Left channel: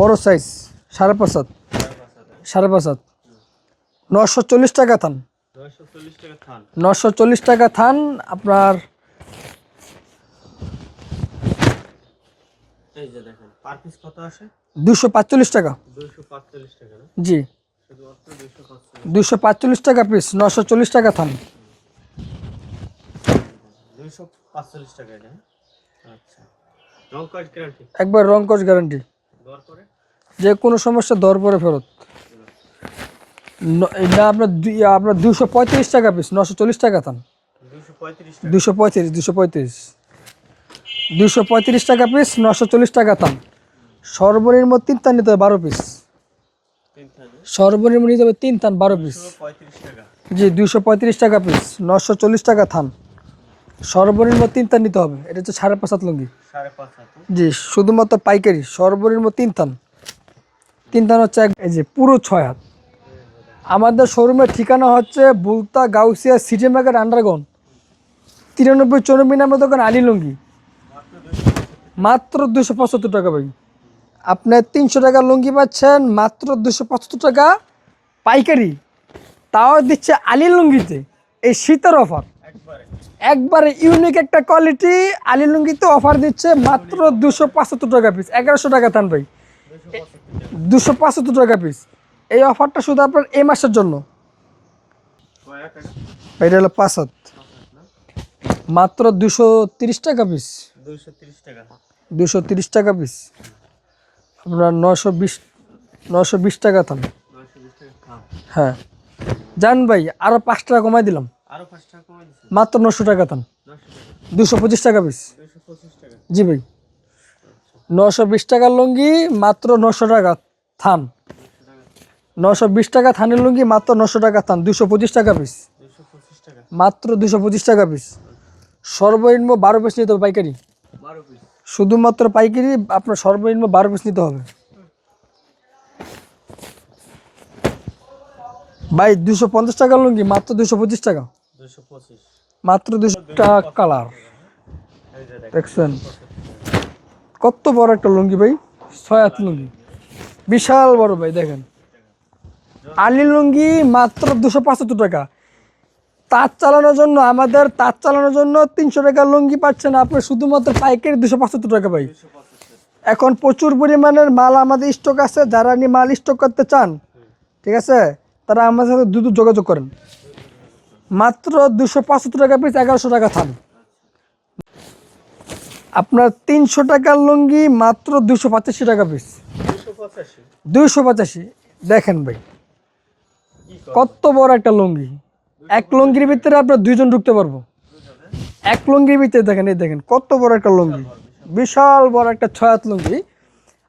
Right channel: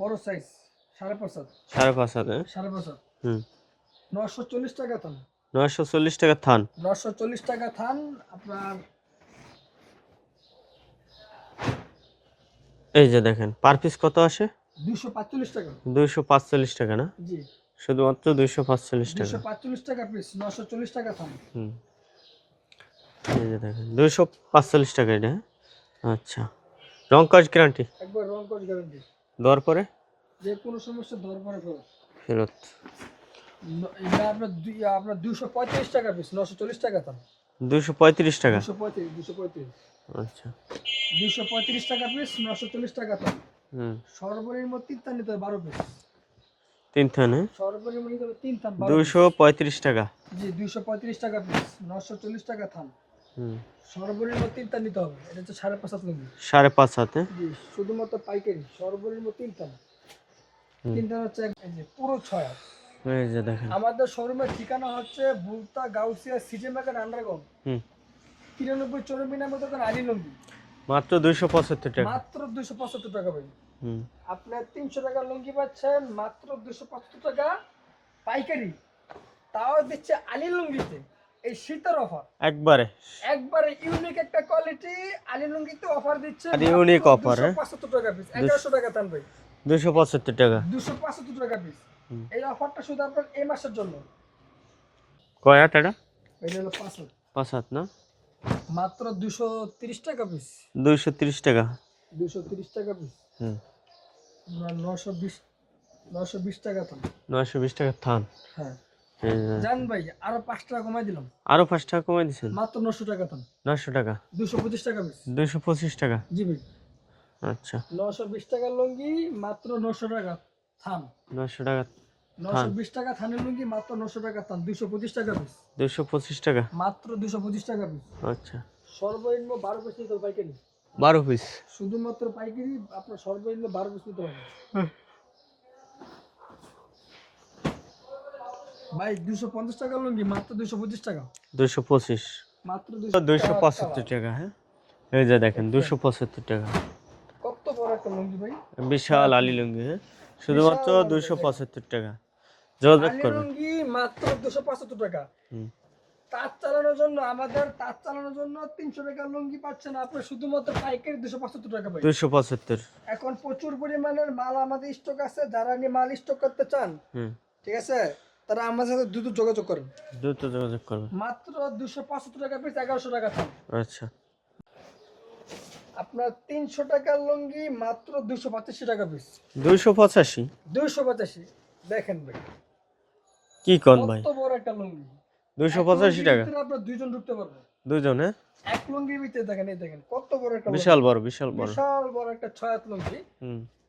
বড় সাইজ সাড়ে পাঁচ হাত। সাড়ে পাঁচ হাত হ্যাঁ? সাড়ে পাঁচ হাত। হুম। নশো চল্লিশ টাকা থান। নশো চল্লিশ টাকা থান। নশো চল্লিশ টাকা থান আপনার এই যে দেখেন পার পিস কত আসে? দুশো পাঁচচল্লিশ টাকা। দুইশো পাঁচচল্লিশ টাকা না? জি। শুধুমাত্র দুইশো পাঁচচল্লিশ দুশো পাঁচচল্লিশ টাকা পিস নশো চল্লিশ টাকা থান। দুইশো পাঁচচল্লিশ টাকা এটা হ্যাঁ? আচ্ছা। রং কাজ গ্যারান্টি একবার রং কস গ্যারান্টি দেওয়ার পরে? যে কোনো সমস্যা দর পরে ফেরত। ফেরত। না আপনার আপনার দুশো পঁয়ত্রিশ টাকা পিস নশো চল্লিশ টাকা থান দুইশো পঁয়ত্রিশ টাকা? দুশো পঁয়ত্রিশ দুশো পঁয়ত্রিশ। আচ্ছা। দুশো পঁয়ত্রিশ টাকা পিস নশো চল্লিশ টাকা থান সর্বনিম্ন তিন থান নিতে হবে বারো পিস তিন থানে সর্বনিম্ন নিতে হবে তিন থান বারো পিস দুশো পঁয়ত্রিশ টাকা। জি দুশো পঁয়ত্রিশ টাকা পিস নশো চল্লিশ টাকা থান সর্বনিম্ন তিন থান নিতে হবে। এটা হচ্ছে সাড়ে পাঁচ হাত লুঙ্গি সাড়ে পাঁচ হাতে? জি শুধুমাত্র পাইকারি সর্বনিম্ন তিন থান। তিন থান হচ্ছে এই যে পুরো ছয় হাত। আমাদের শোরুমের ঠিকানা হচ্ছে Bulta Gausia city market underground. তিরানব্বই চৌরানব্বই নাম্বার দোকান আলী লুঙ্গি। মাত্র দুইশো পঁচাত্তর টাকা। মাত্র দুশো পঁচাত্তর টাকা ভাই। হুম। আপনি তিনশো টাকা লুঙ্গি পাচ্ছেন মাত্র দুশো পঁচাত্তর টাকা পাইকারি। তাও দিচ্ছে আলী লুঙ্গিতে। এই শীতের অফার একবারে। একবারে ইউনিক একটা কোয়ালিটি আলী লুঙ্গিতে অফার দিচ্ছে মাত্র offer, দুশো হ্যাঁ? পঁচাত্তর টাকা পিস এগারোশো টাকা থান ভাই। দুশো পঁচাত্তর টাকা। দুশো পঁচাত্তর টাকা পিস এই অফারটা শুধু আপনার এই মাসের জন্য। কয় আট এটা? এটা হলো পাঁচ হাত। পাঁচ হাত না? মাত্র দুশো তিরিশ টাকা পিস দুইশো তিরিশ টাকা। দুশো তিরিশ টাকা পিস আপনার নশো বিশ নশো বিশ টাকা থান নয়শো বিশ টাকা থান হ্যাঁ। জান ভাই আরও পাঁচ টাকা কমাই দিলাম। আরও পাঁচ টাকা কমে দিচ্ছেন মাত্র নশো টাকা থান নয়শো টাকা। দুশো পঁচিশ টাকা পিস দুইশো পঁচিশ টাকা? জি ভাই। আচ্ছা। নশো বিশ টাকার লুঙ্গি মাত্র নশো টাকা থান। নয়শো টাকা। নশো বিশ টাকা থানের লুঙ্গি মাত্র নশো টাকা থান। দুশো পঁচিশ টাকা পিস দুইশো পঁচিশ টাকা? মাত্র দুশো পঁচিশ টাকা পিস আচ্ছা। সর্বনিম্ন বারো পিস নিতে হবে পাইকারি। বারো পিস শুধুমাত্র পাইকারি আপনার সর্বনিম্ন বারো পিস নিতে হবে। ভাই দুশো পঞ্চাশ টাকার লুঙ্গি মাত্র দুশো পঁচিশ টাকা। দুইশো পঁচিশ। মাত্র দুশো টাকা কালার হ্যাঁ? এই যে দেখেন দুশো পঁচাত্তর টাকা। কত বড় একটা লুঙ্গি ভাই। বিশাল আলি লুঙ্গি হ্যাঁ? বিশাল বড় ভাই, দুশো দেখেন। টাকা। আলি লুঙ্গি মাত্র দুশো পঁচাত্তর টাকা। তাঁত চালানোর জন্য আমাদের তাঁত চালানোর জন্য তিনশো টাকা লুঙ্গি পাচ্ছেন আপনি শুধুমাত্র পাইকারি দুশো পঁচাত্তর টাকা ভাই। দুইশো পঁচাত্তর। এখন প্রচুর পরিমাণের মাল আমাদের স্টক আছে যারা নিয়ে মাল স্টক করতে চান ঠিক আছে? তারা আমাদের সাথে দ্রুত যোগাযোগ করেন। দ্রুত যোগাযোগ করুন মাত্র দুশো পঁচাত্তর টাকা পিস এগারোশো টাকা থান। আচ্ছা। আপনার তিনশো টাকার লুঙ্গি মাত্র দুশো পঁচাশি টাকা পিস দুইশো পঁচাশি? দুইশো পঁচাশি। দেখেন ভাই। কি কত বড় একটা লুঙ্গি। এক লুঙ্গির ভিতরে আপনার দুইজন ঢুকতে পারব। দুজন হ্যাঁ? এক লুঙ্গির ভিতরে দেখেন এই দেখেন কত বড় একটা লুঙ্গি। বিশাল বড় বিশাল বড়। একটা ছয় হাত লুঙ্গি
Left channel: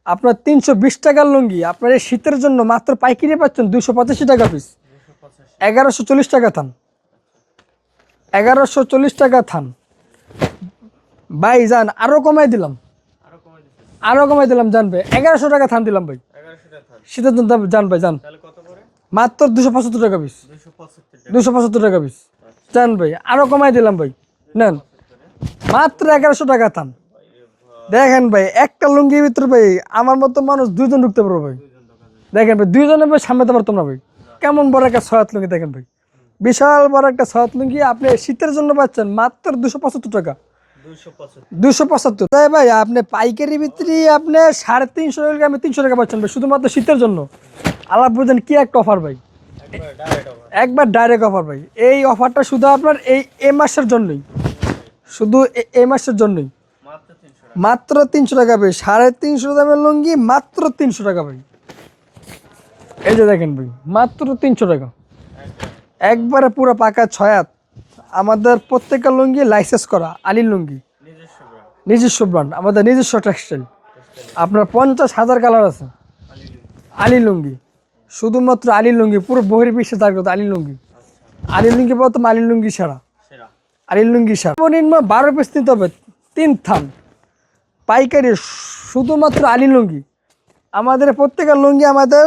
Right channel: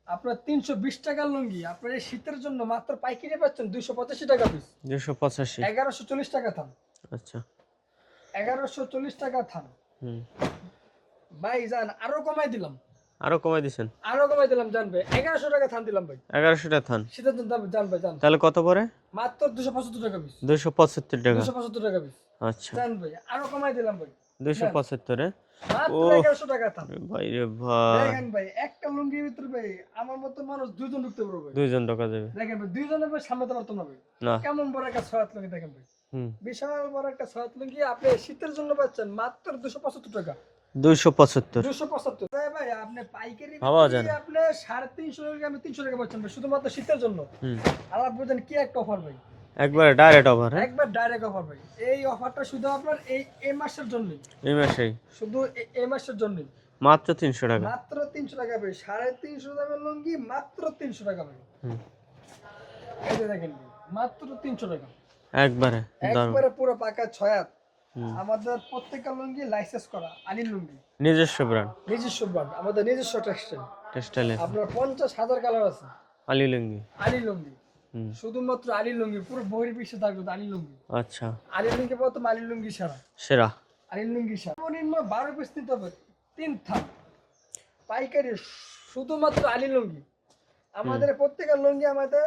আপনার তিনশো বিশ টাকার লুঙ্গি আপনার এই শীতের জন্য মাত্র পাইকারি পাচ্ছেন দুশো পঁচাশি টাকা পিস পঁচাশি। এগারোশো চল্লিশ টাকা থান। আচ্ছা। এগারোশো চল্লিশ টাকা থান। ভাই যান আরও কমাই দিলাম। আরও কমাই দিছেন? আরও কমাই দিলাম জান ভাই। এগারোশো টাকা থান দিলাম ভাই। এগারোশো টাকা থান। শীতের জন্য জান ভাই জান। তাহলে কত পরে? মাত্র দুশো পঁচাত্তর টাকা পিস দুইশো পঁচাত্তর টাকা। দুশো পঁচাত্তর টাকা পিস আচ্ছা। জান ভাই আরও কমাই দিলাম ভাই। মাত্র এগারোশো টাকা দেখেন ভাই একটা লুঙ্গির ভিতরে ভাই আমার মতো মানুষ দুইজন ঢুকতে পারব ভাই। দুইজন টাকা দেবে দেখেন ভাই দুইজনের ভাই সামলাতে পারতাম না ভাই। কেমন বড় একটা লুঙ্গি দেখেন ভাই। বিশাল বড় একটা লুঙ্গি আপনি শীতের জন্য পাচ্ছেন মাত্র দুশো পঁচাত্তর টাকা। দুইশো পঁচাত্তর। দুশো পঁচাত্তর। তাই ভাই আপনি পাইকারি বিক্রি আপনি সাড়ে তিনশো টাকা আমি তিনশো টাকা পাচ্ছেন ভাই শুধুমাত্র শীতের জন্য। আলাপ বুঝেন কি একটা অফার ভাই। একবার ডাইরেক্ট ওভার একবার ডাইরেক্ট অফার ভাই। এই অফারটা শুধু আপনার এই এ মাসের জন্যই। এই মাসেই। শুধু এ- মাসের জন্যই। মাত্র তিনশো টাকা। মাত্র তিনশো টাকা ভাই। সাড়ে তিনশো দামের লুঙ্গি মাত্র তিনশো টাকা ভাই। এই যে দেখেন ভাই মাত্র তিনশো টাকা। একবারে। একবারে পুরো পাকা ছয়াত আমাদের প্রত্যেকটা লুঙ্গি লাইসেন্স করা আলির লুঙ্গি। নিজস্ব ব্র্যান্ড নিজস্ব ব্র্যান্ড আমাদের নিজস্ব টেক্সটাইল টেক্সটাইলে আপনার পঞ্চাশ হাজার কালার আছে। আলী লুঙ্গি। আলি লুঙ্গি। শুধুমাত্র আলি লুঙ্গি পুরো বহির বিশ্বে জাগ্রত আলি লুঙ্গি। আচ্ছা। আলি লুঙ্গি প্রথম আলি লুঙ্গি সারা। সেরা। আলি লুঙ্গি সারা। সর্বনিম্ন বারো পিস নিতে হবে তিন থাম পাইকারি শুধুমাত্র আলি লুঙ্গি। আমাদের প্রত্যেকের লুঙ্গি আমাদের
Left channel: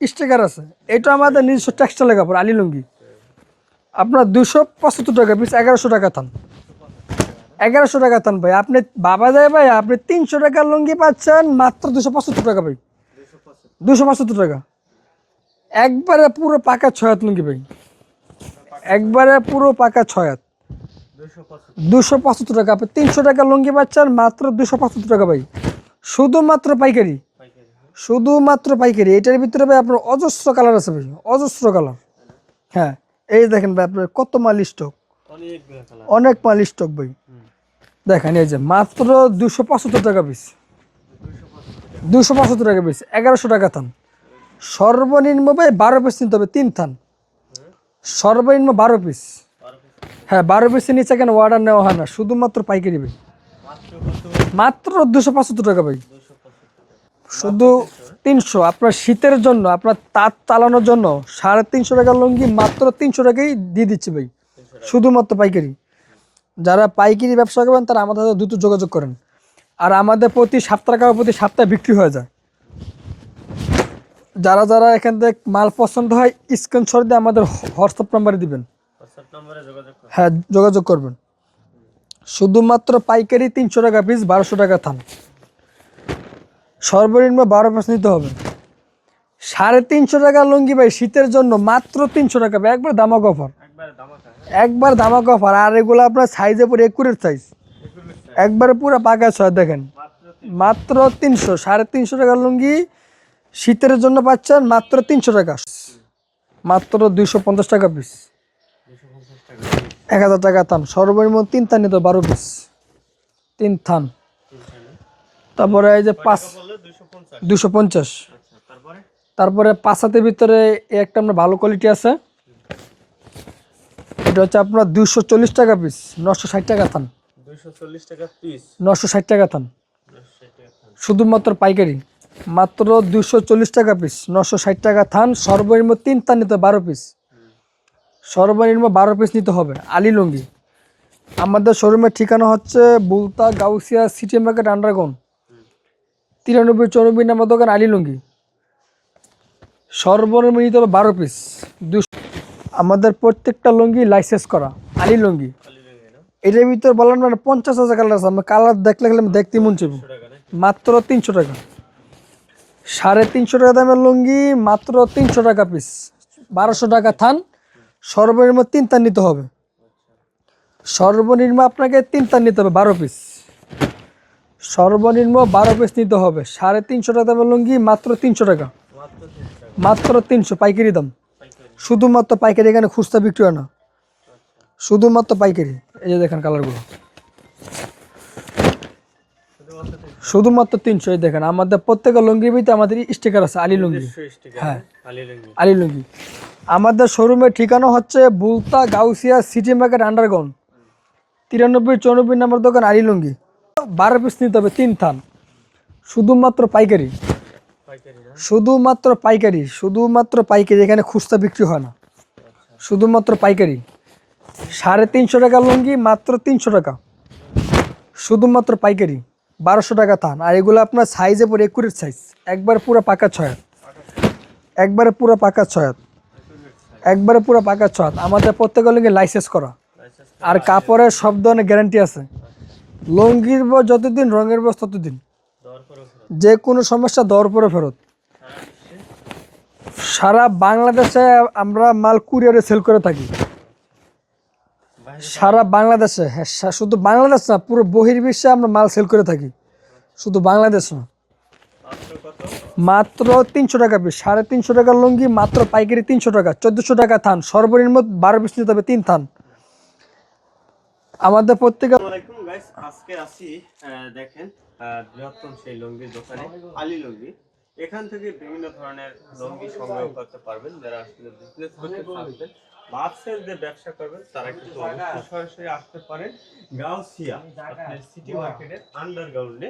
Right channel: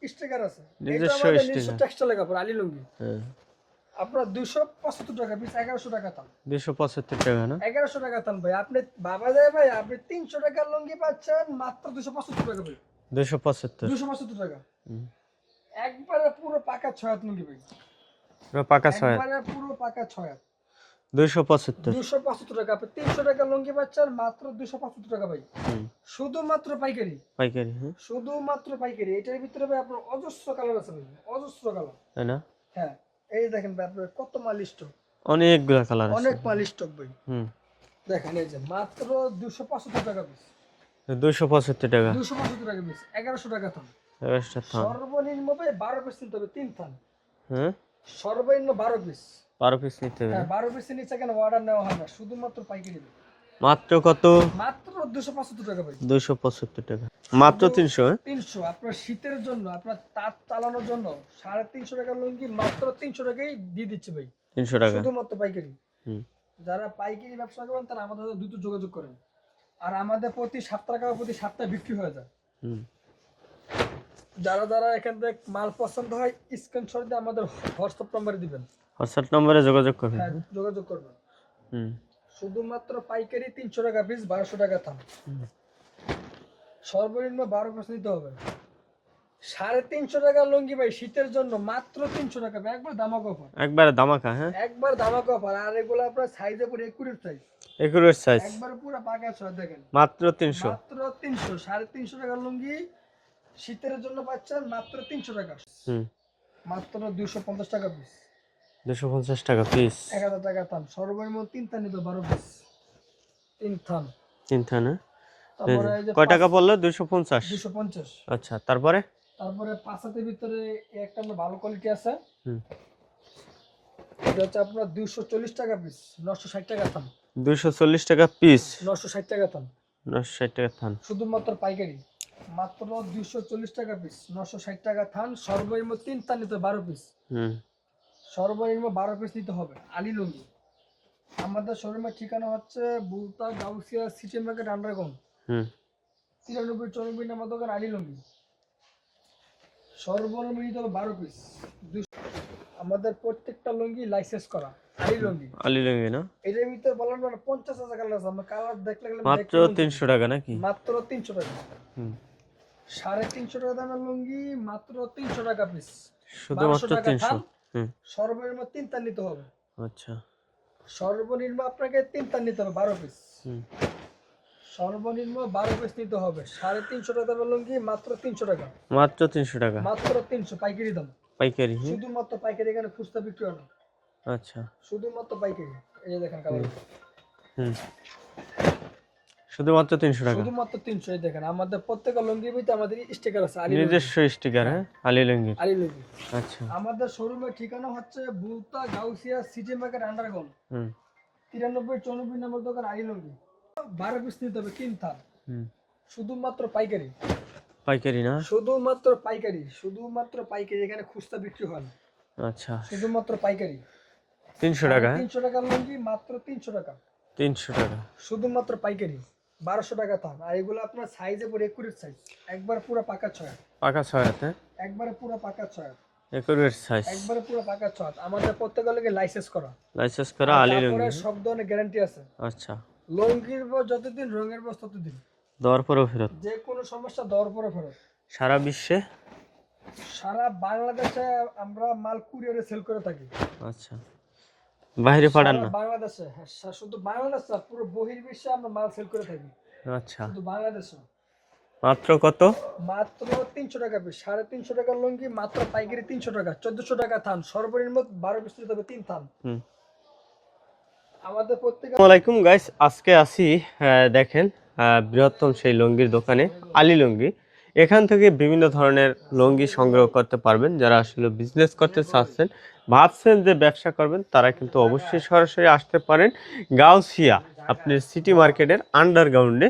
স্টিকার আছে। এটা আমাদের নিজস্ব টেক্সটাইলের কাপড় আলি লুঙ্গি। আপনার দুশো পঁচাত্তর টাকা পিস এগারোশো টাকা থান। দুইশো পঁচাত্তর টাকা না? এগারোশো টাকা থান ভাই। আপনি বাবা যায় ভাই আপনি তিনশো টাকার লুঙ্গি পাচ্ছেন মাত্র দুশো পঁচাত্তর টাকা ভাই। দুশো পঁচাত্তর। দুশো পঁচাত্তর টাকা। একবারে পুরো পাকা ছয় হাত লুঙ্গি ভাই। একবারে পুরো পাকা ছয়াত দুশো পঁচাত্তর। টাকা। আপনি তিনশো টাকা লুঙ্গি পাচ্ছেন মাত্র দুশো পঁচাত্তর টাকা ভাই। শুধুমাত্র পাইকারি। পাইকারি শুধুমাত্র পাইকারি। এটার ভিতরে ভাই আপনার অজস্র কালার আছে ভাই। অজস্র কালার। তাই না? হ্যাঁ। এই দেখেন ভাই আপনার কত মাল স্টক। অনেকগুলো কালার অনেক মাল স্টক ভাই। দেখেন এই যে মাত্র দুশো পঁচাত্তর টাকা পিস। দুশো পঁচাত্তর টাকা। দুশো পঁচাত্তর টাকা পিস। এগারোশো টাকা থান। সর্বনিম্ন ভাই বারো পিস নিতে হবে তিন থান। হ্যাঁ? সর্বনিম্ন বারো পিস বারো পিস হ্যাঁ বারো পিসের নিচে কেন অর্ডার নেওয়া হয় না? শুধুমাত্র পাইকারি ভাই। মাত্র কত? মাত্র দুশো পঁচাত্তর টাকা ভাই। দুশো পঁচাত্তর টাকা। মাত্র তিনশো হ্যাঁ? তিনশো। আপনার শীতের জন্য আপনার তাঁত চালানোর জন্য সাড়ে তিনশো টাকা লুঙ্গি মাত্র তিনশো টাকাই দিয়ে দিচ্ছি ভাই। তিনশো টাকা। শুধুমাত্র পাইকারি। যারা পাইকারি ব্যবসা করবেন তারা আমাদের সাথে দ্রুত যোগাযোগ করেন। আর আমাদের প্রতি সপ্তাহ টাকা প্রতি সপ্তাহে বিক্রি হয়ে যায়। যারা যারা এখান থেকে মাল পছন্দ হয় স্ক্রিনশট দিয়ে আমাদের হোয়াটসঅ্যাপ নাম্বারে দিবেন। হোয়াটসঅ্যাপ নম্বরে যোগাযোগ করুন হ্যাঁ যোগাযোগ করবেন। শুধুমাত্র পাইকারি তিনশো টাকা পিস বারোশো টাকা থান। সর্বনিম্ন বারো পিস নিতে হবে। সাড়ে তিনশো টাকা লুঙ্গি ভাই শীতের জন্য মাত্র তিনশো টাকা ভাই, একবার দামাক অফার একবারে দামাকা হ্যাঁ? একবার দামাক অফার আর এগুলো আপনার সাইজে পরে একুরের সাইজ একুরের সাইজ একবারে পুরো পাকা ছয় দেখেন। মাত্র তিনশো। মাত্র তিনশো সাড়ে তিনশো টাকা লুঙ্গি শীতের জন্য পাচ্ছেন মাত্র তিনশো টাকা। মাত্র দুইশো পঞ্চাশ টাকা পিস দুশো পঞ্চাশ টাকা পিস এক হাজার টাকা থান। সর্বনিম্ন তিন থান নিতে বারো পিস তিন থান। তিনটা না তারপরে এই যে টাকা পড়ল? দুশো পঞ্চাশ? দুশো পঞ্চাশ। আচ্ছা তারপরে? তারপরে পাঁচ হাতের ভিতরে একটা আপনার ভালো কোয়ালিটি আছে। এটা হচ্ছে আপনার দুশো চল্লিশ টাকা পিস নশো ষাট টাকা থান। দুশো চল্লিশ টাকা পিস নশো ষাট টাকা থান। নশো ষাট টাকা থান। শুধুমাত্র পাইকারি। মাত্র দুশো চল্লিশ টাকা পিস নশো ষাট টাকা থান সর্বনিম্ন তিন থান নিতে হবে, বারো পিস সর্বনিম্ন বারো পিস নিতে হবে আলী লুঙ্গি। আমাদের শোরুমের ঠিকানা হচ্ছে Bulta Gausia city market underground. তিরানব্বই চৌরানব্বই নম্বর দোকান আলী লুঙ্গি। সর্বনিম্ন নিতে হবে বারো পিস দুশো আমাদের প্রত্যেকটা লুঙ্গি লাইসেন্স করা আলী লুঙ্গি। আলি লেগে না? এটার ভিতরে বললাম না পঞ্চাশ হাজার কালার আছে কালার দেখলে দেখতে মন চাইবে। টাকা নাকি? মাত্র তিনশো টাকা। সাড়ে তিনশো টাকা দামের লুঙ্গি মাত্র তিনশো টাকা পিস বারোশো টাকা থান। সর্বনিম্ন তিন তার নিতে হবে। আচ্ছা। সর্বনিম্ন আপনাকে তিন তার নিতে হবে বারো পিস সর্বনিম্ন বারো পিস নিতে হবে। সাড়ে তিনশো টাকা দামের লুঙ্গি মাত্র তিনশো টাকা। মাত্র তিনশো টাকা। মাত্র তিনশো পাইকারি দাম। পাইকারি শুধুমাত্র পাইকারি এখানে খুচরা বিক্রি হয় না। আচ্ছা। শুধুমাত্র পাইকারি। এই যে দেখেন কালারগুলো হুম। শুধুমাত্র তিনশো শুধুমাত্র এই দেখেন আমাদের প্রত্যেকের লুঙ্গির ভিতরে আমাদের স্টিকার আছে আলী লুঙ্গি। স্টিকার হ্যাঁ আলি লুঙ্গি। আলী লুঙ্গি। আচ্ছা। আমাদের শোরুমের ঠিকানা হচ্ছে Bulta Gausia city market underground হুম। তিরানব্বই চৌরানব্বই নম্বর দোকান আলী লুঙ্গি। বারো পিস নিতে হবে তিন থান। শুধুমাত্র পাইকারি। পাইকারি না? শুধুমাত্র পাইকারি শুধুমাত্র পাইকারি এখানে খুচরা বিক্রি হয় না। আচ্ছা। শুধুমাত্র পাইকারি। সাড়ে তিনশো টাকা লুঙ্গি মাত্র তিনশো টাকা। শুধুমাত্র পাইকারি। বারোশো টাকা থান। আর এগুলো আপনার সাইজে পরে একুরের সাইজ একবার পুরো পাকা ছয়াত। পাকা ছয় একবারে পুরো পাকা ছয়াত। সাইজ একবারে পুরো পাকা ছয়াত। আমাদের প্রত্যেকের লুঙ্গি লাইসেন্স করা। লাইসেন্স করা আর কাপড়ের সব ধরনের গ্যারান্টি আছে। আচ্ছা। লুঙ্গির বয়স যতদিন রঙের বয়স ততদিন। দেওয়ার পরেও ফেরত। যে কোনো সমস্যা দর পরে ফেরত। সারা বিশ্বে? সারা বাংলাদেশে আমরা মাল কুরিয়ারে সেল করে থাকি। আচ্ছা। সারা বাংলাদেশে হ্যাঁ শুধু বাংলাদেশ না পুরো বহির্বিশ্বে আমরা মাল সেল করে থাকি। আচ্ছা। শুধু বাংলাদেশ না। মাত্র কত? মাত্র তিনশো টাকা পিস সাড়ে তিনশো টাকা লুঙ্গি মাত্র পাইকারি তিনশো টাকা চোদ্দশো টাকা থান সর্বনিম্ন বারো পিস নিতে হবে তিন থান। আমাদের প্রত্যেকে আসসালামাইকুম গাইস আজকে আসি দেখেন বৃহত্তম সেই লুঙ্গির দোকানে আলী লুঙ্গি। এখান থেকে বিভিন্ন ধরনের লুঙ্গি সংগ্রহ করতে পারবেন যারা আসলে বিজনেস করতে চাচ্ছেন। ভাবছেন যে ব্যবসা করবেন তারা কিন্তু অবশ্যই সরাসরি আসতে পারেন। গাউসিয়া আপনার সিটি মার্কেটের আন্ডারগ্রাউন্ডে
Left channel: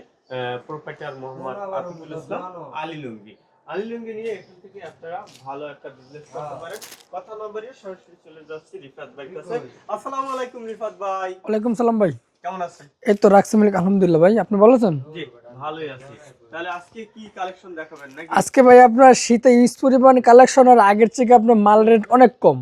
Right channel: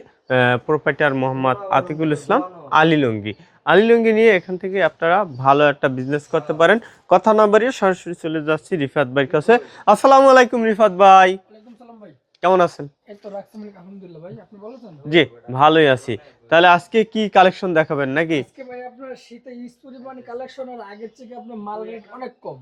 প্রোপাইটার মোহাম্মদ আতিকুল ইসলাম আলী লুঙ্গি। আলী লুঙ্গি নিয়ে এখান থেকে আপনারা ভালো একটা বিজনেস করতে পারেন। কথা না বাড়িয়ে সরাসরি চলে যাচ্ছি রিফাত ভাইয়ের কাছে। আসসালামু আলাইকুম রিফাত ভাই। ওয়ালাইকুম সালাম ভাই। কেমন আছেন? এই তো রাখছি আলহামদুলিল্লাহ ভাই। আপনি বলেছেন জি ভালোই আছি। তাহলে আজকে কি কালেকশন দেখাবেন নাকি? আজকে ভাই আপনার শীতে ইউজ পরিমাণ কালেকশন আর আগের থেকে আপনার মাল রেট অনেক কম।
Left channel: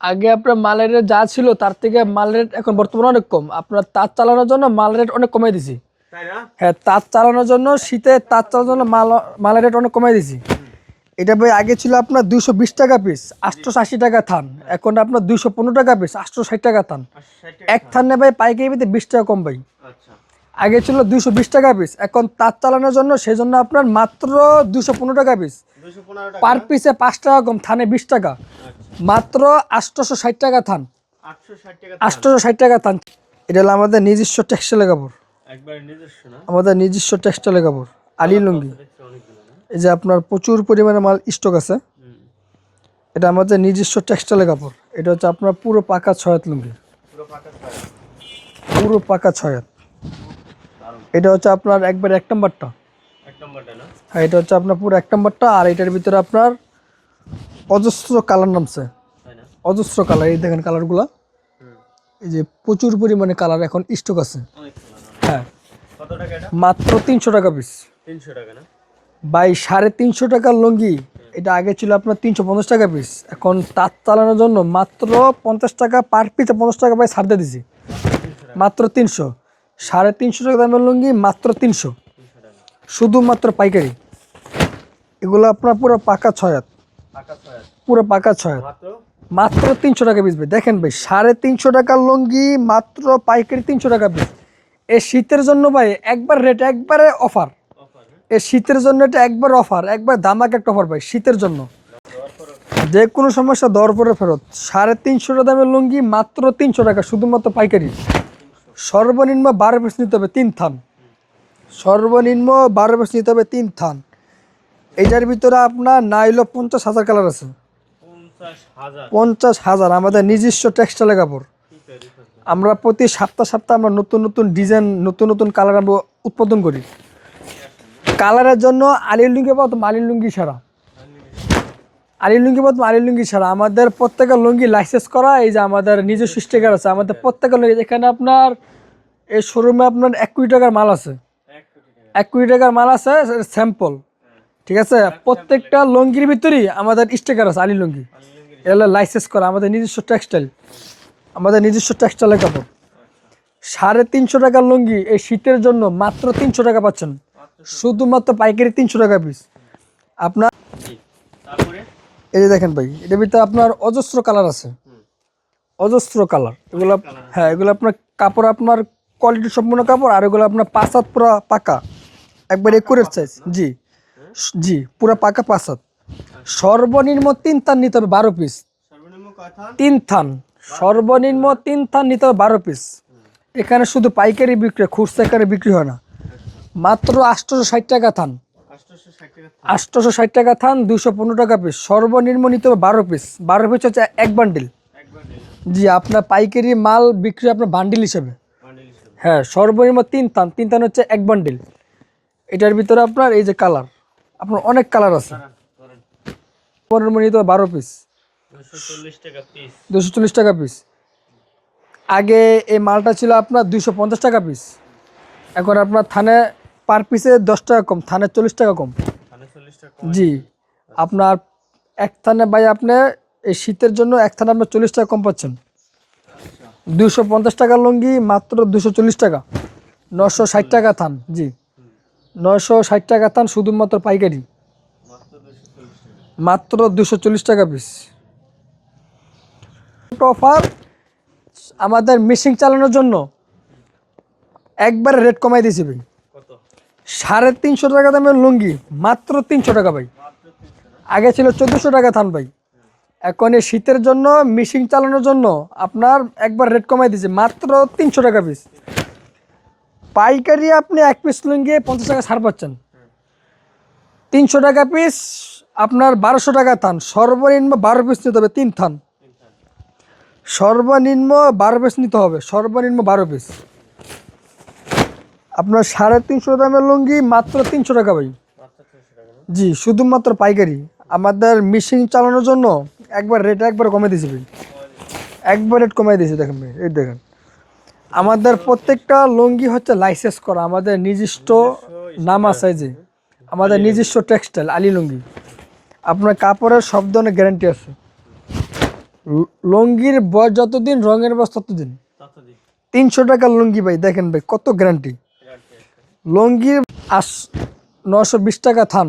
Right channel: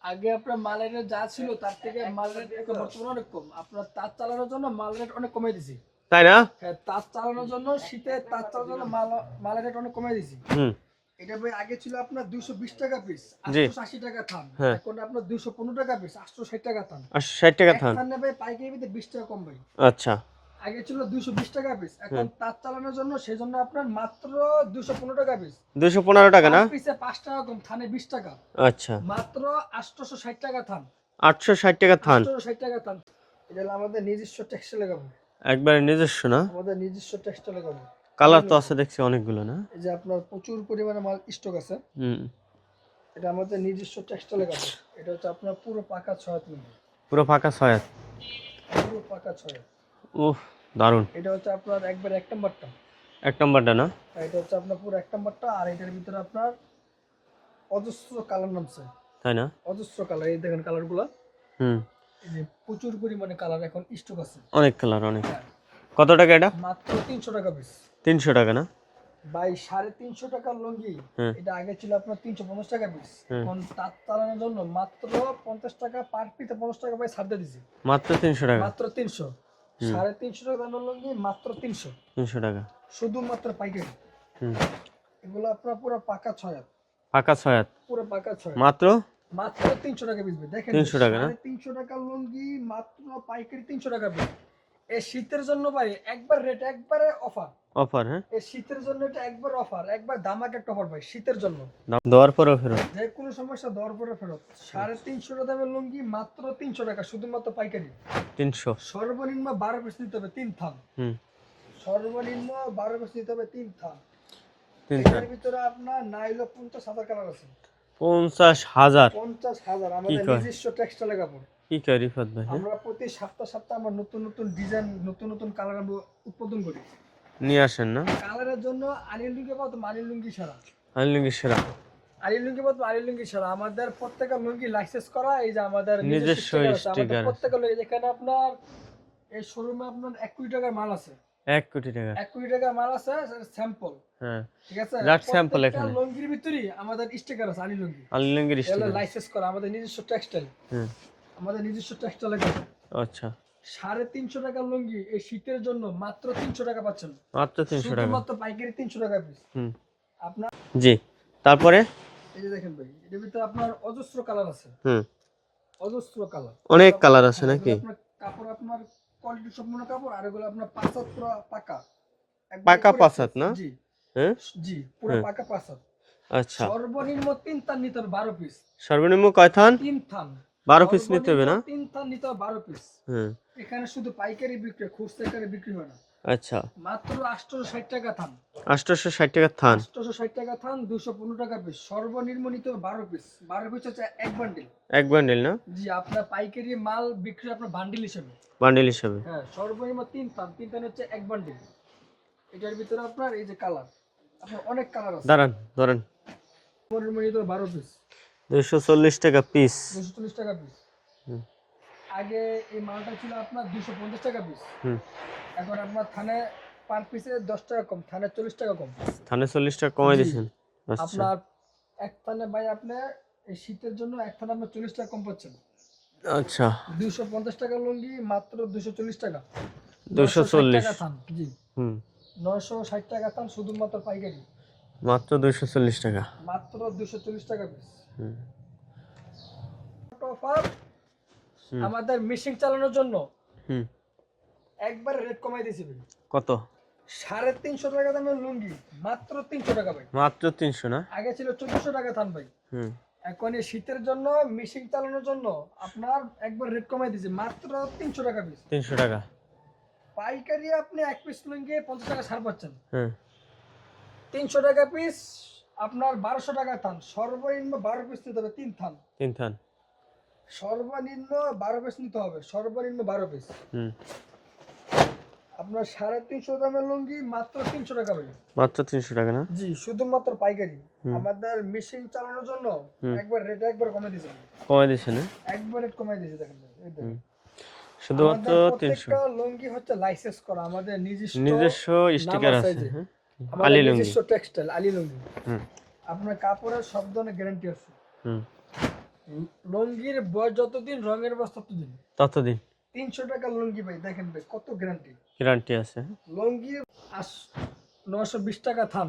আগে আপনার মালের রেট যা ছিল তার থেকে মাল রেট এখন বর্তমানে অনেক কম। আপনার তার চালানোর জন্য মাল রেট অনেক কমাই দিছি। তাই না? হ্যাঁ তাঁত চালানোর জন্য শীতে তাঁত চালানোর জন্য মাল মালের রেট অনেক কমাই দিয়েছি হুম। এটা ভাই আগে ছিল আপনার দুইশো বিশ টাকা পিস আটশো আশি টাকা থান। হ্যাঁ। এখন আপনার দুইশো পনেরো টাকা পিস আটশো ষাট টাকা থান। এক থান। ভাই পাইকারি বিশ টাকা কম ভাই। আচ্ছা। আগে ছিল দুইশো বিশ টাকা পিস এখন তার চালানোর জন্য সেই জন্য আপনার মাত্র দুইশো পনেরো টাকা পিস দুশো পনেরো টাকা পার পিসে পাঁচ টাকা কম থানে বিশ টাকা। আচ্ছা। মাত্র আটশোশো ষাট টাকা থান। আটশো ষাট টাকা থান। আটশোশো ষাট টাকা থান। এটা হলো আমাদের নিজস্ব টেক্সটাইলের কাপড়। একবারে নিজস্ব না? আমাদের নিজস্ব টেক্সটাইলের কাপড়। দেখছি অনেকগুলো না? এই যে আপনার প্রচুর পরিমাণে মাল স্টক আছে। এটা আমাদের নিজস্ব টেক্সটাইলের কাপড়। এটা হচ্ছে আপনার পুরো পাকা ছয়াত লুঙ্গি। পুরো ফাঁকা ছয় পুরো পাকা ছয়াত উহ দারুণ। এটা হচ্ছে আপনার একবার এক নম্বরটা। এক নম্বরটা না? হ্যাঁ এটা হচ্ছে আপনার পুরো এক নম্বরটা আর এটার ভিতরে আপনার অজস্র কালার নামছে। তাই না? অজস্র কালার এই দেখেন কালারগুলো। হুম। এই যে প্রচুর পরিমাণে কালার এখন স্টক আছে। অনেক কালার অনেক। হ্যাঁ। কত টাকা এটা? মাত্র তিনশো টাকা পিস তিনশো টাকা না? বাই সাড়ে তিনশো টাকার লুঙ্গি। এটা আগে ছিল আপনার তিনশো পঞ্চাশ টাকা পিস এখন তাঁত চালানোর জন্য মাত্র পঞ্চাশ টাকা পার পিসে পঞ্চাশ টাকা বাই ছাড় দিয়ে দিছি। মাত্র তিনশো টাকা। মাত্র তিনশো। সাড়ে তিনশো টাকা দামের লুঙ্গি মাত্র তিনশো। তিনশো টাকা। শুধুমাত্র পাইকারি। এগুলো আপনার পুরো পাকা ছয় হাত। পাকা ছয় হাত। পুরো পাকা ছয় মাত্র? মাত্র তিনশো টাকা পিস দেখেন ভাই সাড়ে তিনশো টাকার লুঙ্গি মাত্র পাইকারি তিনশো টাকা পিস। এই শীতের জন্য ভাই একবার রেট একবারে অফার। অফার হ্যাঁ? এই শীতের জন্য এটা একবার অফার একবার দামাক একটা অফার ভাই শীতের জন্য। দেওয়ার পরেও ফেরত। যে কোনো সমস্যা দর পরে ফেরত। সাড়ে তিনশো টাকা দামের লুঙ্গি মাত্র তিনশো টাকা শুধুমাত্র পাইকারি। তিনশো। সর্বনিম্ন বারো পিস নিতে হবে তিন থান। সর্বনিম্ন বারো পিস নিতে হবে তিন থান। এটার ভিতরে আপনার নাইলো পঞ্চাশ হাজার কালার আছে। পঞ্চাশ হাজার। পঞ্চাশ হাজার আমাদের নিজস্ব টেক্সটাইলের কাপড়। আমরা প্রতি সপ্তাহ সপ্তাহ আমরা নতুন নতুন ডিজাইন নতুন নতুন কালার আমরা উৎপাদন করি। নিয়ে আসেন না? কালারের জন্য আলির লুঙ্গি প্রথম আলির লুঙ্গি ছাড়া। আনলিঙ্গি সেরা আলির লুঙ্গি প্রথম আলির লুঙ্গি ছাড়া। আমাদের প্রত্যেকের লুঙ্গি লাইসেন্স করা এই যে আমাদের নিজস্ব স্টিকার আছে। আমাদের প্রত্যেকের লুঙ্গি এখানে আপনার এই শোরুমে আপনার এক কোটি টাকার মাল আছে। এক কোটি টাকা। এক কোটি টাকার মাল আছে স্যাম্পল ঠিক আছে? প্রত্যেকটা। লুঙ্গির ভিতরেই আমাদের স্টিকার আছে আলি লুঙ্গি। আনলিঙ্গির এগুলো লাইসেন্স করা আমাদের নিজস্ব টেক্সটাইল আমাদের নিজস্ব টেক্সটাইলের কাপড়। আচ্ছা। সাড়ে তিনশো টাকার লুঙ্গি এই শীতের জন্য মাত্র তিনশো টাকা পাচ্ছেন। শুধুমাত্র পাইকারি তিনশো টাকা পিস আপনার জি তারপরে? এই যে দেখেন ভাই এটার ভিতরে আপনার অজস্র কালার আছে। অজস্র কালার। অনেক কালার আছে হ্যাঁ এগুলো আপনার কাপড় আপনার কোয়ালিটি সম্পূর্ণ কাপড় আর এগুলো আপনার পাঁচাত পুরো পাকা। একবার পাঁচ হাত না? জি। হ্যাঁ? জি পুরো পাকা পাঁচাত আচ্ছা। সর্বনিম্ন তিন থান নিতে হবে বারো পিস সর্বনিম্ন কয় থান? তিন থান। 12 piece নিতে হবে সর্বনিম্ন তিন থান নিতে হবে বারো পিস এখানে শুধু পাইকারি বিক্রি খুচরা আকারে বিক্রি হয় না। আচ্ছা। মাত্র আটশোশো ষাট টাকা থান। আটশোশো ষাট টাকা থান। আটশোশো ষাট টাকা থান দুইশো পনেরো টাকা পিস সর্বনিম্ন নিতে হবে বারো পিস বারো পিস হচ্ছে এক বান্ডিল এক বান্ডিল না? জি আপনার পাইকারি মাল বিক্রি আপনার বান্ডিল হিসেবে। বান্ডিল হিসাবে। হ্যাঁ সর্বনিম্ন তিন থান। তিন থান হচ্ছে এক বান্ডিল এটার ভিতরে আপনার এই যে কালার আপনার অনেক কালার আছে। দাঁড়ান ধরেন সর্বনিম্ন নিতে হবে বারো পিস দুশো চল্লিশ টাকা পিস দুশো চল্লিশ টাকা পিস আগে এই মালটা ছিল আপনার দুইশো পঞ্চাশ টাকা পিস এখন আপনার থানে পার পিসে দশ টাকা কম থানে চল্লিশ টাকা কম। থানে চল্লিশ টাকা কম জি। আচ্ছা। আপনার এক থানে ভাই আপনি এই শীতের জন্য এক থানে আপনার চল্লিশ টাকা কম পাচ্ছেন। আচ্ছা। দুশো পঞ্চাশ টাকা লুঙ্গি মাত্র দুশো চল্লিশ টাকা। নশো ষাট টাকা থান জি। নয়শো ষাট টাকা থান শুধুমাত্র পাইকারি। মাত্র দুশো চল্লিশ টাকা। মাত্র দুশো চল্লিশ টাকা পিস অফার আমাদের মেশিন চালানোর জন্য একবার রেট কমাই দিয়েছি ভাই। কত? সাড়ে তিনশো টাকা দামের লুঙ্গি মাত্র তিনশো টাকা ভাই। মাত্র তিনশো না? আগে ছিল চোদ্দশো টাকা থান ভাই। এখন শীতের জন্য মেশিন চালানোর জন্য আপনার একবার রেট কমাই দিয়েছে মাত্র তিনশো টাকা পিস তিনশো টাকা। পাইকারি আপনি এক পিস লুঙ্গি পঞ্চাশ টাকা ছাড় পাচ্ছেন। তিনশো টাকা পিস আপনার বারোশো টাকা থান সর্বনিম্ন বারো পিস নিতে হবে তিন থান। তিন থান। সর্বনিম্ন বারো পিস নিতে হবে সর্বনিম্ন বারো পিস আপনার সাড়ে তিনশো দামের লুঙ্গি মাত্র তিনশো টাকা ভাই। মাত্র তিনশো টাকা না? জি শুধুমাত্র পাইকারি। আমাদের মেশিন চালানোর জন্য একবার রেট একবার কমে দিয়েছি ভাই। কমাই দিচ্ছেন না? একবার রেট কমে দিয়েছি দেখেন ভাই এই দেখেন। আমাদের প্রত্যেকটা লুঙ্গি হচ্ছে লাইসেন্স করা আমাদের নিজস্ব নাম আছে যে। হ্যাঁ। আমাদের নিজস্ব টেক্সটাইল আলী লুঙ্গি। আপনার কাপড়ের সব ধরনের গ্যারান্টি আছে। লুঙ্গির বয়স যতদিন রঙের বয়স ততদিন? ততদিন। তিনশো টাকা লুঙ্গি ভাই দেখেন ভাই কত গ্যারান্টি গ্যারান্টি আছে। লুঙ্গির আস নশো বিশ টাকা থান।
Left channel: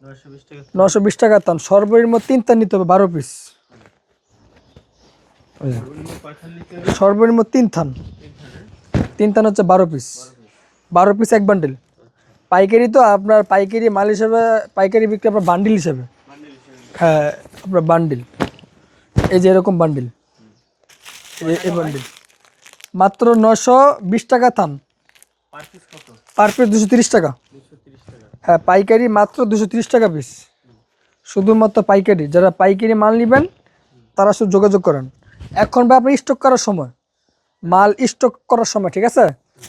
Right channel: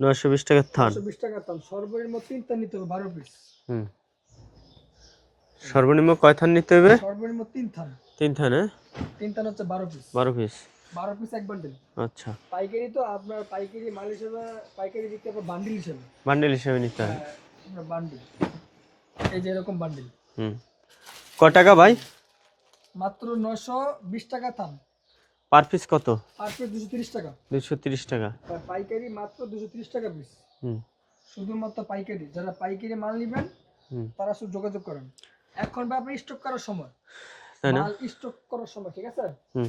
নয়শো বিশ টাকা নশো বিশ টাকা থান সর্বনিম্ন তিন থান নিতে হবে বারো পিস। সর্বনিম্ন কয় থান নিতে হবে? সর্বনিম্ন তিন থান। তিন থানে তিন থান হচ্ছে বারো পিস বারো পিস বারো পিস এক বান্ডিল আচ্ছা। পাইকারি তো আপনার পাইকারি মাল হিসাবে পাইকারি বিক্রি আপনার বান্ডিল হিসাবে। বান্ডেল হিসেবে। হ্যাঁ আপনার বান্ডিল এই যে এরকম বান্ডিল হুম। কয় টাকা ভাই? মাত্র নশো বিশ টাকা থান। পার পিস কত? পার পিস দুশো তিরিশ টাকা। দুশো তিরিশ টাকা। হ্যাঁ পাইকারি মাত্র দুশো তিরিশ টাকা পিস হুম। শুধুমাত্র পাইকারি। যারা পাইকারি মাল নেবেন তারা শুধু যোগাযোগ করেন। এখন ভাই আপনি স্টক করার সময়। মাল স্টক করার সময় ঠিক আছে? হুম।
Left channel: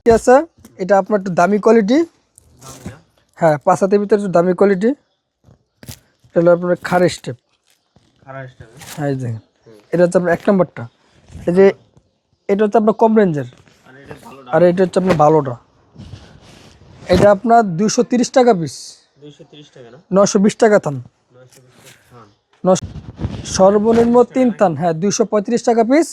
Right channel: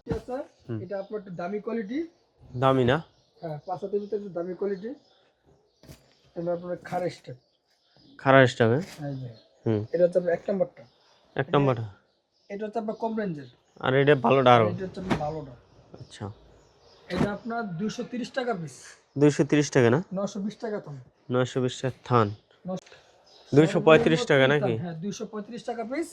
ঠিক আছে? এটা আপনার একটু দামি কোয়ালিটি দামি না? হ্যাঁ পাঁচ হাতের ভিতরে একটু দামি কোয়ালিটি এটা হলো আপনার খার স্টেপ এই দেখেন এটা হচ্ছে আপনার এক নম্বরটা। এটা হচ্ছে আপনার কম রেঞ্জের আর এটা ভালোটা আর এটা হচ্ছে আপনার ভালোটা। আচ্ছা। এটা আপনার তিরিশ টাকা পিস দুইশো তিরিশ টাকা না? নশো বিশ টাকা থান। নয়শো বিশ টাকা থান। সর্বনিম্ন তিন থান। হ্যাঁ দুইশো পঁয়ত্রিশ টাকা পিস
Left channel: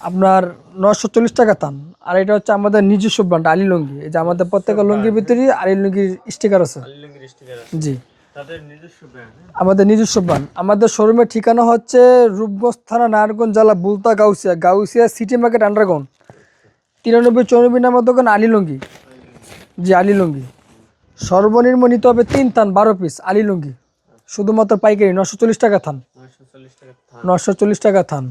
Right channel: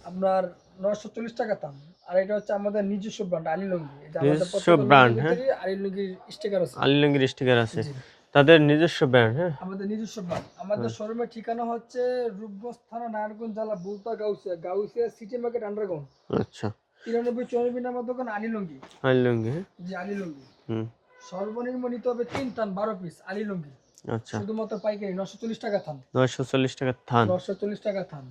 আপনার নশো চল্লিশ টাকা থান। আর এটা হচ্ছে আমাদের নিজস্ব ব্র্যান্ড আলী লুঙ্গি এই যে আমাদের প্রত্যেক লুঙ্গির ভিতরে আলী লুঙ্গির স্টিকার আছে। আলিলঙ্গির স্টিকার আছে। জি। তাদের নিজস্ব ব্র্যান্ড হ্যাঁ? আমাদের নিজস্ব ব্র্যান্ড আমাদের শোরুমের ঠিকানা হচ্ছে রূপগঞ্জ থানা নারায়ণগঞ্জ জেলা Bulta Gausia Gausia city market underground আচ্ছা। তিরানব্বই চৌরানব্বই নাম্বার দোকান আলী লুঙ্গি। আলিলঙ্গি। জি আলী লুঙ্গি। হুম। সর্বনিম্ন নিতে হবে তিন থান বারো পিস আলী লুঙ্গি। আচ্ছা। শুধুমাত্র পাইকারি নশো চল্লিশ টাকা থান। নয়শো চল্লিশ টাকা থান। নশো চল্লিশ টাকা থান।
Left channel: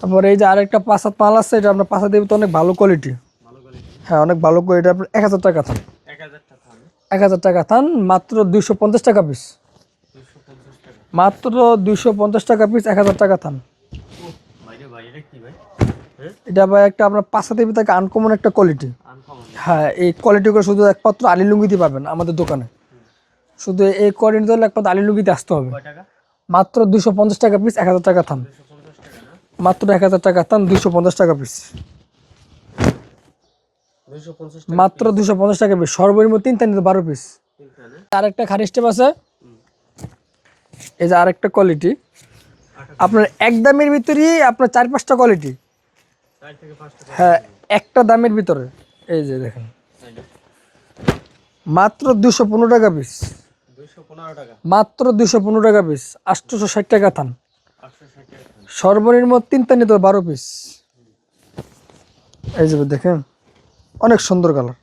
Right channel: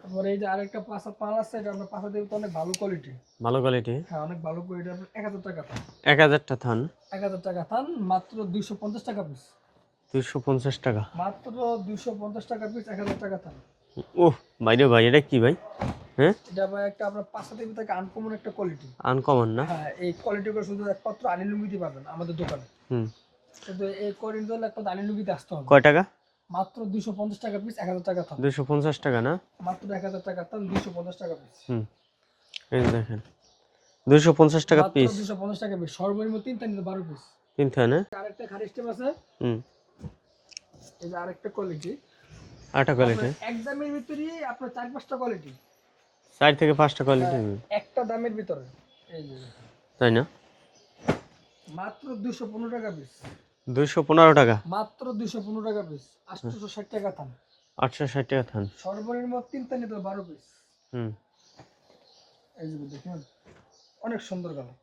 তারপরে এই যে আরেকটা পাঁচ হাত মাল আছে এটা আপনার পাঁচ হাত দেবে তো অনেক ভালো কোয়ালিটি ভালো কোয়ালিটি হ্যাঁ অনেক ভালো কোয়ালিটি আপনার এক হাজার টাকা থান। এক হাজারটা থান? এক হাজার টাকা থান মাত্র দুইশো পঞ্চাশ টাকা পিস দুইশো পঞ্চাশ টাকা। মাত্র দুইশো পঞ্চাশ টাকা পিস এক হাজার টাকা থান। ও বাইরে ভাই এটা কি ভাই? হ্যাঁ? এটা ভাই একটা আপনার পাঁচ হাত দেবে থেকে আনকমন একটা কোয়ালিটি আনকমন হ্যাঁ এই কোয়ালিটিগুলো শুধু একমাত্র আলী লুঙ্গিতে পাবেন আমাদের দোকানে। হুম। শুধু এই কোয়ালিটি হলে একমাত্র আলী লুঙ্গিতে আসতে হবে। কয় টাকা? মাত্র দুইশো পঞ্চাশ টাকা পিস এক হাজার টাকা থান। দুইশো পঞ্চাশ টাকা না? মাত্র এক হাজার টাকা থান দুইশো পঞ্চাশ টাকা পিস এই দেখেন। দুইশো পঞ্চাশ টাকা মাত্র পিস দুইশো পঞ্চাশ টাকা পিস সর্বনিম্ন তিন থান বারো পিস খারি স্টেপ আছে। এই যে আরেকটা কোয়ালিটি আপনার এক দামের ভিতরেই আপনার চার পাঁচটা কোয়ালিটি চার থেকে পাঁচটা হ্যাঁ কোয়ালিটি একটা দামের ভিতরে। এই যে দেখেন। তাই না? মাত্র দুশো পনেরো টাকা পিস দুইশো পনেরো টাকা। মাত্র দুশো পনেরো টাকা পিস টাকা থান। থান। সর্বনিম্ন পিস হুম। এই যে দেখেন। অনেক সুন্দর কালার।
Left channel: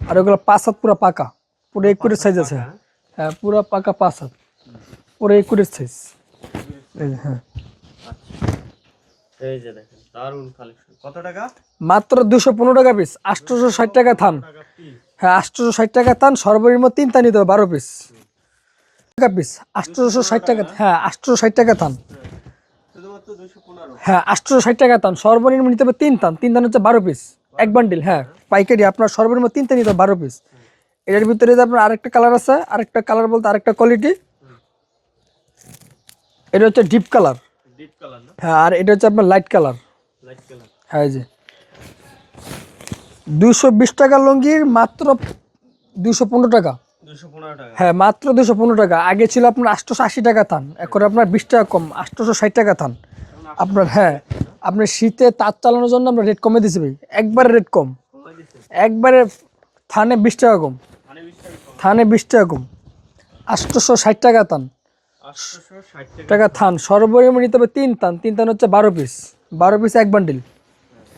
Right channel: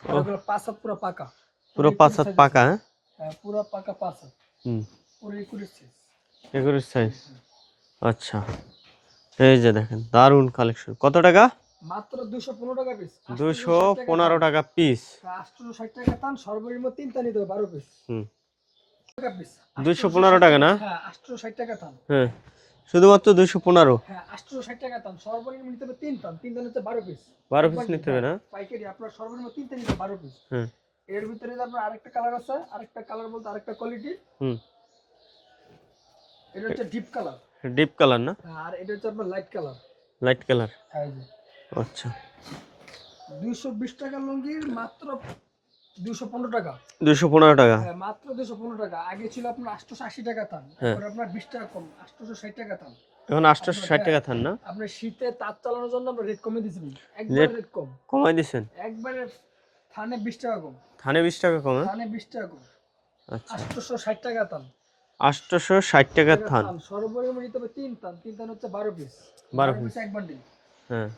আর ওগুলো পাঁচ হাত পুরো পাকা। পুরো এক কোটি সাইজ আছে। হ্যাঁ? হ্যাঁ পুরো পাকা পাঁচ হাত। পুরো এক কোটির সাইজ এগুলো সাইজ হ্যাঁ। আচ্ছা। এই যে দেখেন দারুণ কালেকশন কত টাকা? মাত্র দুশো পনেরো টাকা পিস আটশোশো ষাট টাকা থান। টাকা পিস হ্যাঁ আটশোশো ষাট টাকা থান সর্বনিম্ন তিনটা নিতে হবে বারো পিস টাকা পিস আটশোশো ষাট টাকা টাকা হ্যাঁ আটশোশো ষাট টাকা থান। হ্যাঁ। শুধুমাত্র দুইশো পনেরো? হ্যাঁ আটশোশো ষাট টাকা থান সর্বনিম্ন নিতে হবে তিন থান তিন থান হচ্ছে বারো পিস এক বান্ডিল হ্যাঁ পাইকারি আপনার সর্বনিম্ন তিনটা নিতে হবে বারো পিস এটার ভিতরে আপনার আরেকটা কালার আছে আরেকটা কালার বলতে আরেকটা কোয়ালিটি হুম। এটা হচ্ছে ডিপ কালার ডিপ কালার না? হ্যাঁ আর এটা হচ্ছে আপনার লাইট কালার লাইট কালার হ্যাঁ যে। আচ্ছা। দুশো বিশ টাকা লুঙ্গির মাত্র দুশো পনেরো টাকা। দুইশো পনেরো টাকা। হ্যাঁ মাত্র টাকা। আগে ছিল আপনার আটশোশো আশি টাকা থান এখন আপনার বিশ টাকা কম আটশোশো ষাট টাকা থান। এখন হ্যাঁ টাকা থান না? আপনি শীতে তার চালানোর জন্য আমরা রেট কমে দিছি ভাই। একবারে রেট কম। কমাই দিচ্ছেন একবারে থানে বিশ টাকা কম। থানে বিশ টাকা কম থানে বিশ টাকা কম। আচ্ছা। আটশোশো ষাট টাকা থান। আটশোশো ষাট টাকা টাকা থান। সর্বনিম্ন নিতে হবে তিন থান। তিন থান হচ্ছে বারো পিস বারো পিস এক বান্ডিল হ্যাঁ।